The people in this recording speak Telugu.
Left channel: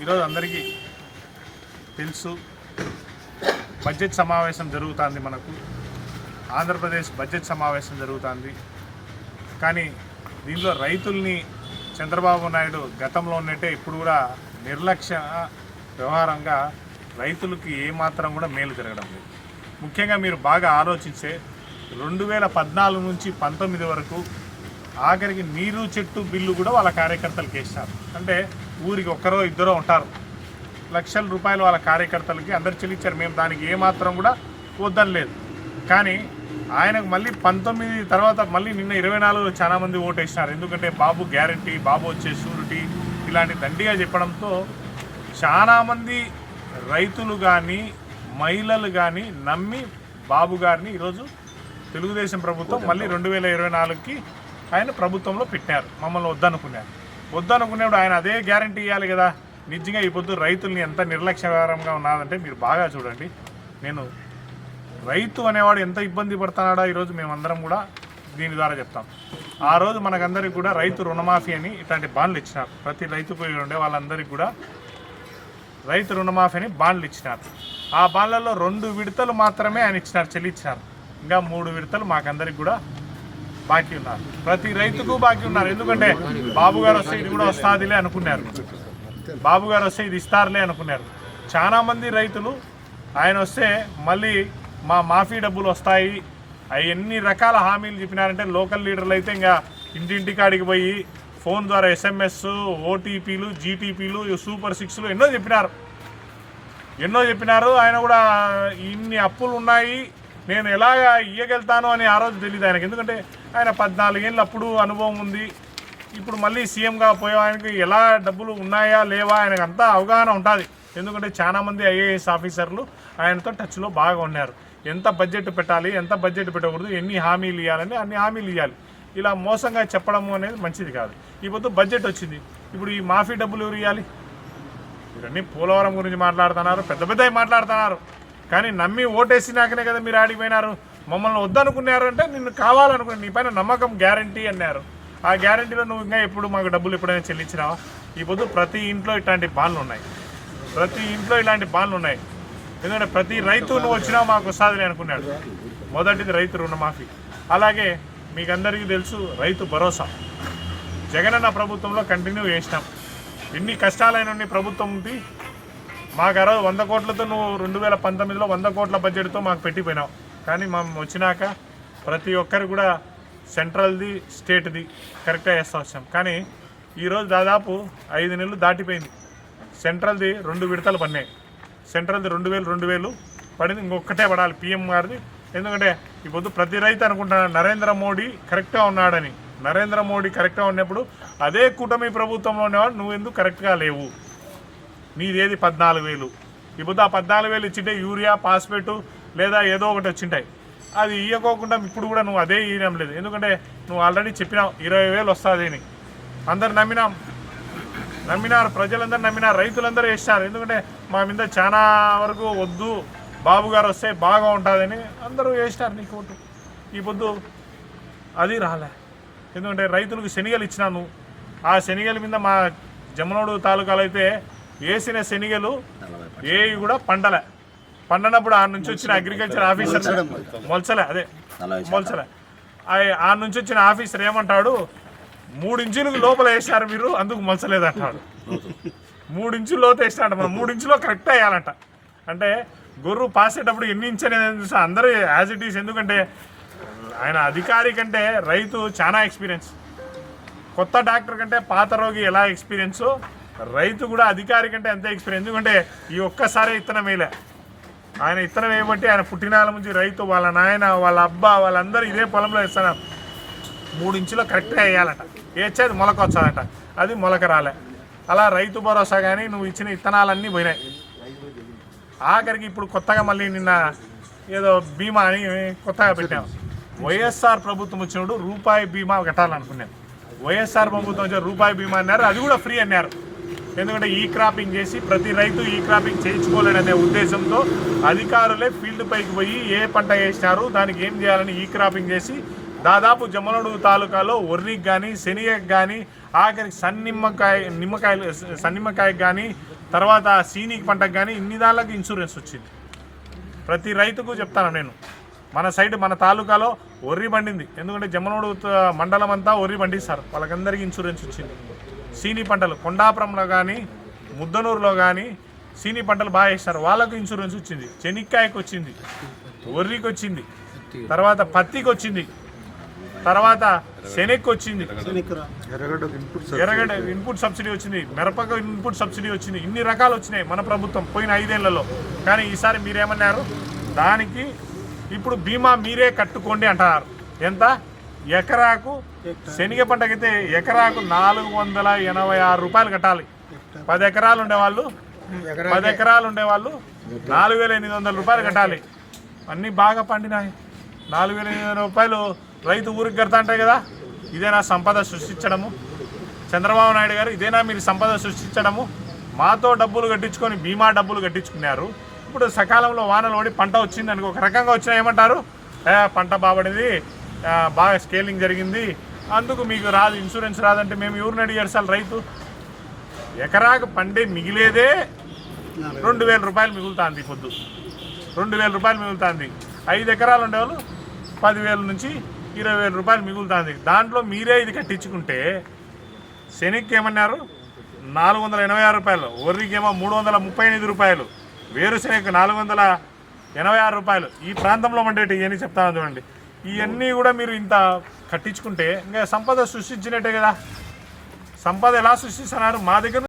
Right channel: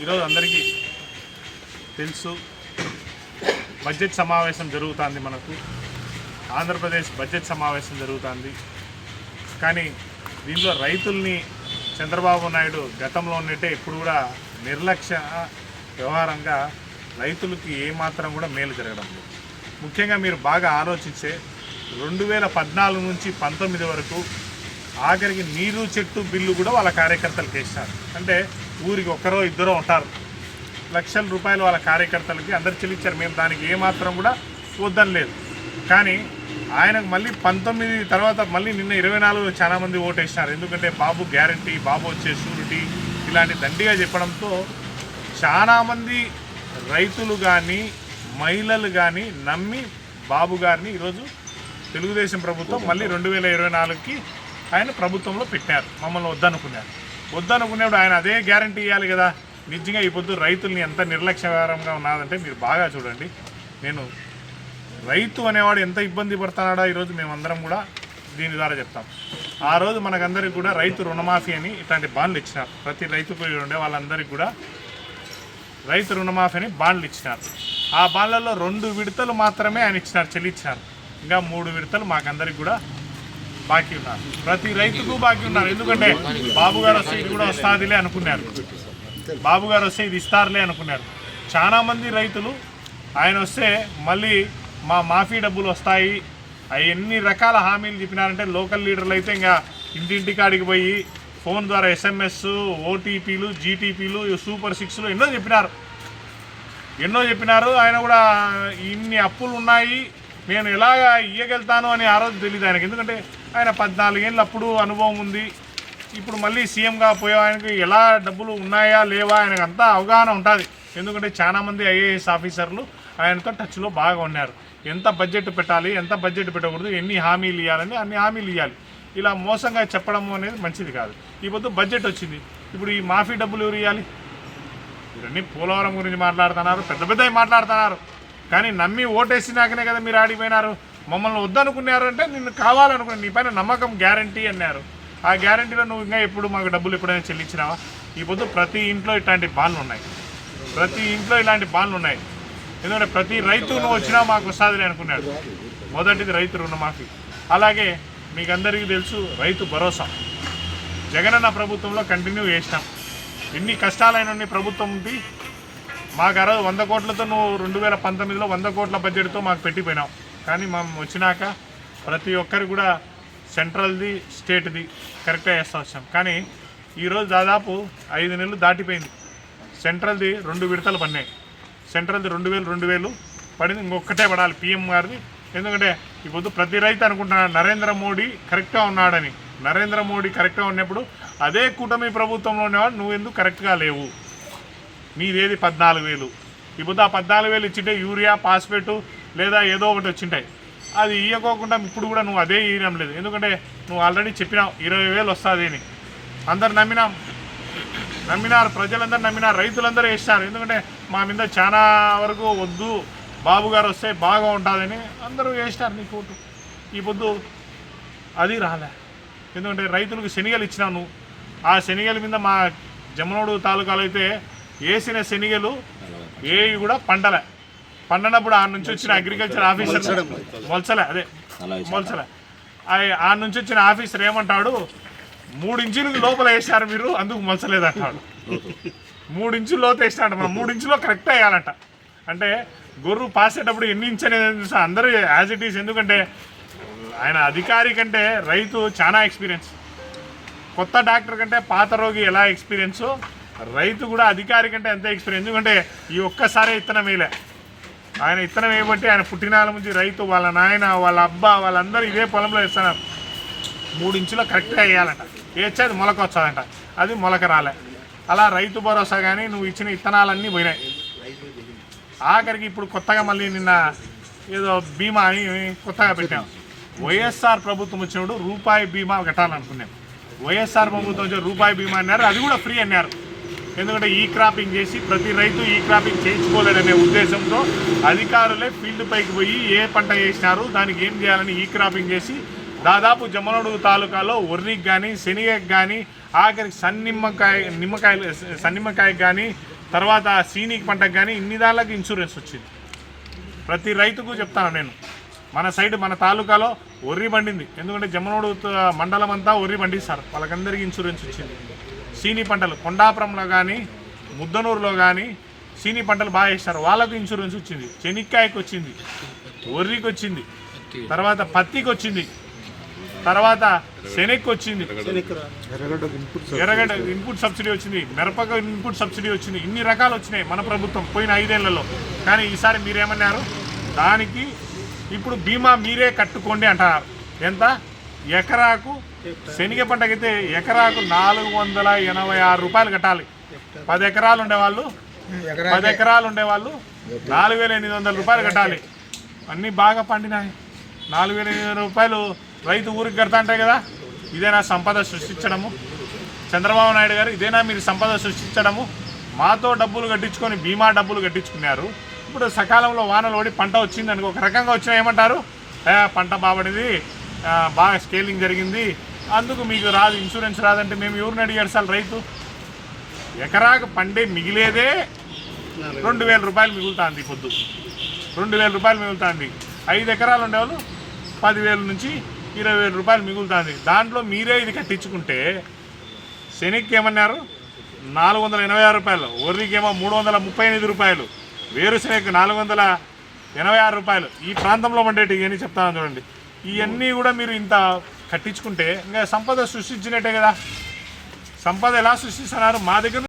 ఈరోజు అందరికీ తెలుసు. బడ్జెట్ సమావేశం జరుగుతుంది మనకు. ఆంధ్రప్రదేశ్ బడ్జెట్ సమావేశం జరుగుతుంది. కానీ దీనిలో రైతుల్ని చంద్రబాబు నాయుడు గతంలో ఉన్నట్టే ఇప్పుడు కూడా నిర్లక్ష్య వ్యవహారంగా రైతులకి ఏమాత్రం కూడా మేలు జరగడం లేదు. ముఖ్యంగా మీరు బాగా ఆలోచిస్తే రెండు వేల పద్నాలుగు నుంచి పంతొమ్మిది వరకు ఆఖరికి నీరు చెట్టు బిల్లు కూడా వాళ్ళ కార్యకర్తలకు వేసినారు అంటే ఊరికి ఒక్కరో ఇద్దరో ఉంటారు. లక్షల రూపాయలు వాళ్ళ కార్యకర్తలకి అందరు చెల్లించారు. మేము దానికి ఏమాత్రం కూడా వద్దని లేదు. కానీ ఆయనకు మళ్ళీ పంతొమ్మిది తర్వాత మళ్ళీ నిన్న ఇరవై నాలుగు చాలా మంది ఓటేసినారు. ఎందుకంటే బాబు గ్యారంటీ బాబు వచ్చే షూరిటీ ఇలాంటి దండిగా చెప్పడంతో చాలామంది రైతులు కానీ మహిళలు కానీ నమ్మి బాబు గారిని ఈరోజు తెలుగుదేశం ప్రభుత్వం మళ్ళీ రెండు వేల ఇరవై నాలుగుకి ఆయన ప్రభుత్వంలో పెట్టారు మమ్మల్ని వద్దనుకున్నారు. వద్దనుకునేప్పుడు ఆయన అదే గ్యారంటీ ఇవ్వాలి కదా. నిజంగా ఈ పొద్దు రైతుల్ని ఎంత నిర్లక్ష్యకరంగా ఉన్నదంటే మీరు బాగా చూడండి. నేను రైతు అనేవాడు ఎంత ఇబ్బంది పడుతున్నాడో ఈరోజు మేమందరం కూడా దీని ద్వారా చెప్తాం. ఆ రోజు మనకందరికి కూడా రైతు రుణమాఫీ అని ఇట్లాంటి బాండ్లు ఇచ్చినారు. ప్రతి రైతుకు ఉండే వాళ్ళందరికీ కూడా రైతు రుణమాఫీ అని బాండ్లు ఇచ్చినారు. ఆ బాండ్లలో రెండు విడతలు మాత్రమే ఆయన ఇచ్చినారు చెల్లించినారు ఇంకా మూడు విడతలు మాకందరికి కూడా బాకీ ఉన్నారు. ప్రతి రైతుకు బాకీ ఉన్నారు. ఎందుకంటే బాబు గారు వస్తే ఇది కూడా వస్తాదిలే అనుకున్నారు. బాబు గారు వస్తే ఇది ఇస్తారులే అనుకున్నారు. చాలామంది రైతులు ఆయన వస్తే మళ్ళీ మా మాఫీ డబ్బులు వస్తాయి. అవి ఎన్ని రకాల హామీలు చెప్పినారంటే లోకల్ లీడర్లు అయితే ఇంకా ఇంటింటి కాడికి పోయి ఫోన్ ద్వారా ఎస్ఎంఎస్ ఓటీపీలు జీటీపీలు సూపర్ సిక్స్లు ఎన్నో చెప్పినారు. ఎన్నో చెప్పినారు. ఆయన కూడా ఇన్ని అప్పులు ఉన్నాయి. నేను ఎలాగ ఇయ్యగలుగుతాను అని ఆ రోజు తెలియదు ఆయనకి. ఎందుకంటే ఆయన పద్నాలుగేళ్ళు అప్పుడు అనుభవం ఉంది. ఇప్పుడు మళ్ళీ సీఎంగా పోయే ఆయనకి ఎలా డబ్బులు ఉన్నాయా లేవా ఆయనకు అంతా అవగాహన ఉంటుంది. ఎందుకంటే చాలామంది ఐఏఎస్ ఆఫీసర్లు ఆయనతో టచ్లో బాగా ఉన్నారు. ఎంత బడ్జెట్ పెట్టాలి ఎంత బడ్జెట్ పెట్టకూడదు ఎన్ని హామీలు ఇవ్వాలని అన్ని హామీలు ఇవ్వాలి ఇలా మోసంగా చెప్పడం అనేది మంచిది కాదు. ఈ పొద్దు బడ్జెట్ వచ్చింది. ఇప్పుడు ఈ మాఫీ డబ్బులు ఎవరు ఇవ్వాలి ఇవన్నీ పోలవరం గురించి మాట్లాడుతున్నారు పెద్ద పెద్దవి మాట్లాడుతున్నారు. కానీ నమ్మి ఓటేసినాకనే కదా మీరు ఆడిపోయినారు. మమ్మల్ని వద్దనుకున్నారంటే నిన్ను కావాలనుకుని నీ పైన నమ్మకం గ్యారంటీ అన్నారు. ఆ గ్యారంటీలో నువ్వు ఇంకా ఎప్పుడు మాకు డబ్బులు ఎప్పుడైనా చెల్లించినావా? ఈ పొద్దు ప్రతి ఇంట్లో ఇట్లాంటి బాన్లు ఉన్నాయి. ప్రతి ఇంట్లో ఇలాంటి బాన్లు ఉన్నాయి. ఎందుకంటే ప్రతి రైతు నువ్వు వచ్చినా మాకు వస్తుందని అనుకున్నాడు. మొదటిది రైతు రుణమాఫీ. అలాగే మీకు అందరికీ తెలుసు రైతు భరోసా. జగనన్న ప్రభుత్వంలో కంటిన్యూ చేసినాం. ఎన్ని కష్టాలైన ప్రభుత్వం ఉంది మాకు ఆ రోజు వంద కోట్లతో నువ్వు రెండు వేల పంతొమ్మిదిలో వంద కోట్ల బడ్జెట్తో మాకు పెట్టిపోయినావు. కానీ మనం వచ్చినాక ప్రతి ఒక్కరు కూడా సెంట్రల్ది స్టేట్ది కరెక్ట్గా వేస్తా వచ్చాం. కానీ ఈరోజు దాదాపు ఐదు నెలలు దాటిపోయింది. సెంట్రల్ది రెండు విడతలు పడినాయి. సెంట్రల్ది రెండు వేలు రెండు వేలు పడింది. ఇంకొకటే పడాలి పిఎం గారిది. ఎందుకంటే ఈ పొద్దు ప్రతి రైతు అనుకుంటున్నాడు నరేంద్ర మోడీ కరెక్ట్గా ఉన్నాడని. నరేంద్ర మోడీ కరెక్ట్గా ఉన్నప్పుడు అదే కూటమి ప్రభుత్వంలో ఉన్నవాడు నువ్వు ఎందుకు కరెక్ట్గా లేవు? నీదేది పద్నాలుగు వేలు. ఇప్పుడు ఆ పద్నాలుగు వేలు ఇచ్చింటే యూరియా పాస్పేటు లేదా ఏదో ఒకటి వచ్చింటాయి. అది ఇవ్వకోకుండా ఇప్పుడు కూడా నువ్వు అదే ఇవ్వడం లేదు. ఎందుకంటే నువ్వు ఆల్రెడీ చెప్పినావు ఇరవై వేలు వస్తుంది అని. అందరు నమ్మినాం. నమ్మినారు ప్రజలందరూ నమ్మినారు రైతులందరూ వేసినారు. ఎందుకంటే మా మీద చాలా వరకు వద్దు బాబు గారు వస్తే బాగా ఉంటుందని అందరూ వేసినారు నీకు ఓటు ఈ పొద్దు అది రాలే. ఎందుకంటే రైతులకు శనిగలు ఇచ్చినాను. నువ్వు ఆ శనిగల మీద మా జమనోడు తాలూకాలో అయితే వేసిన శనిగలు ఏవి కూడా పండలే. పండనప్పుడు ఆ నుంచి వచ్చిన అగ్రికల్చర్ ఆఫీసర్ మొలచలే అదే. మొలచలే. ఆ- ఆ నుంచి వచ్చిన ఆఫీసర్ ఏమంటాడు? మూడు ఇంచులకు లోపల వేసినారు మీరు అందుకు మొలచలేదు అంటాడు మూడు ఇంచుల లోతు వేసినాడు. మనం మూడు ఇంచులో కరెక్ట్ వేయాలంట. అంటే గొర్రు పాసేటప్పుడు ఎన్ని ఇంచు అనేది? అందరూ యాజ్ ఇట్ ఈస్ ఎందుకంటే ఆయన అధికారి కంటే రైతు చాలా ఎక్స్పీరియన్స్ కొత్త డాక్టర్ కంటే పాత రోగి ఎలా ఎక్స్పీరియన్సో రైతు కూడా అధికారి కంటే ఎంత ఎక్స్పీరియన్స్ ఎందుకంటే ఈ ఒక్కసారే ఇత్తనం వేయలే. ఆయన ఇత్తనం వేయబట్టి ఆయన పుట్టినాల నుంచి రైతు వాళ్ళ నాయన వాళ్ళ అబ్బా వాళ్ళందరూ ఇదే పొలంలో ఇస్తున్నారు మూడు ఇంచులో కరెక్ట్గా వేయాలంట. వేసేది మొలక వచ్చాదంట. అది మొలక రాలే. అలా రైతు భరోసా కానీ నువ్వు ఇచ్చిన ఇత్తనాలన్నీ పోయినాయి. ఆఖరికి ఇప్పుడు కొత్తగా మళ్ళీ నిన్న ఏదో బీమా అని కొత్తగా పెట్టాం. వైఎస్ఆర్ ప్రభుత్వం వచ్చినప్పుడు రూపాయి బీమా కట్టాలనుకున్నాను వైఎస్ఆర్ ప్రభుత్వం వచ్చే రూపాయి బీమా అన్నారు. అది కూడా ఫ్రీ అన్నారు. ఎందుకంటే ఈ క్రాపింగ్ చేసి ప్రతి రైతు ఈ క్రాపింగ్ చేయించుకోలేడనే ఉద్దేశంతో అధికారులే ఫీల్డ్ పైకి పోయి ఏ పంట వేసినారు దానికి ఏం చేయాలని ఈ క్రాపింగ్ చేసి దాదాపు జమ్మలమడుగు తాలూకాలో ఒర్రికి కానీ శనిగకి కానీ ఆఖరికి సన్నిమ్మకాయ నిమ్మకాయలు సన్నిమ్మకాయకి కానీ తర్వాత సీనిక్ పంటకు కానీ ఇన్ని దానికి ఇన్సూరెన్స్ వచ్చింది. ప్రతి రైతుకు చెప్తాను నేను. మన సైడ్ మన తాలూకాలో ఒర్రి పండింది. ఎందుకంటే జమ్మనోడు మండలం అంతా ఒర్రి పండిస్తారు. వాళ్ళకందరికీ ఇన్సూరెన్స్ వచ్చింది. సీనీ పంటలు కొండాపురంలో కానీ ముద్దనూరులో కానీ సీనీ పంటలు బాగా వేస్తారు. వాళ్ళకు ఇన్సూరెన్స్ వచ్చింది. చెనిక్కాయకు వచ్చింది. ఒర్రికి వచ్చింది. తర్వాత పత్తికి వచ్చింది. తర్వాత శనక్కి వచ్చింది. ఎర్రగడ్డ ఇన్పుట్ సబ్సిడీ వచ్చింది. మిరపకు ఇన్పుట్ సబ్సిడీ వచ్చింది. ఇన్ని రకాలు వచ్చినాయి మన ప్రభుత్వం పోయిన ఐదేళ్ళలో. కానీ ఈసారి మీరేమన్నారు? దానికి ఇప్పుడు బీమా మీరే కట్టుకోండి అంటున్నారు ఎంత? ఎకరాకు శనగ పంటకైతే ఎకరాకు నాలుగు వందల ఎనభై ఆరు రూపాయలు కట్టాలి. పది ఎకరాలు ఉండేవాళ్ళు పది ఎకరాలు ఉండేవాళ్ళు నాలుగు వేల ఎనిమిది వందల రూపాయలు కట్టాలి. అన్నీ బాగా పండినాయి. నాలుగు వేల ఎనిమిది వందల రూపాయలు రైతు ఊరికి కడతా ఉంటాయి కదా ఇదేనా సంపద సృష్టించడము. చంద్రబాబు నాయుడు గారు ఇదేనా మీరు సంపద సృష్టించడము. మాతో డబ్బులు కట్టించుకొని బీమా డబ్బులు కట్టించుకున్నారు. ఇప్పుడు సకాలంలో వానలు ఓడి పంట వచ్చింది అనుకో ఒక రకంగా వచ్చినా ఏమంటారు? పంట బాబడింది. బాగా స్కేలింగ్ జరిగింది. అందుకు మీకు రాదు ఇన్సూరెన్స్ రాదంటే మేము ఎవరిని అడిగారు సార్ రైతు? ఎకరాకు పండే మిగిలేదే రెండు వేల రూపాయలు మిగులుతుంది పొద్దు. రెండు వేల రూపాయలు మిగులుతుంది. ఐదు ఎకరాలు ఉండేవాళ్ళు పదివేల నుంచి ఇరవై వేల రూపాయలు మిగులుతుంది. దాంట్లో మీరే ఇది కట్టించుకుంటే శనికి ఏమన్నారు నాలుగు వందల ఎనభై ఆరు రూపాయలు. ఒర్రికేమో మూడు వందల ముప్పై ఎనిమిది రూపాయలు. వేరుశనగకు నాలుగు వందల ఎనభై ఆరు రూపాయలు. ఈ ప్రాంతంలో ఉండేటి ఇవన్నీ చెప్తాను చూడండి. ఇవన్నీ కూడా మీరు ఇంత కట్టించుకుంటే ఇంకా సంపద సృష్టించినట్టే కదా. సంపద ఎలా సృష్టిస్తున్నారు మా దగ్గర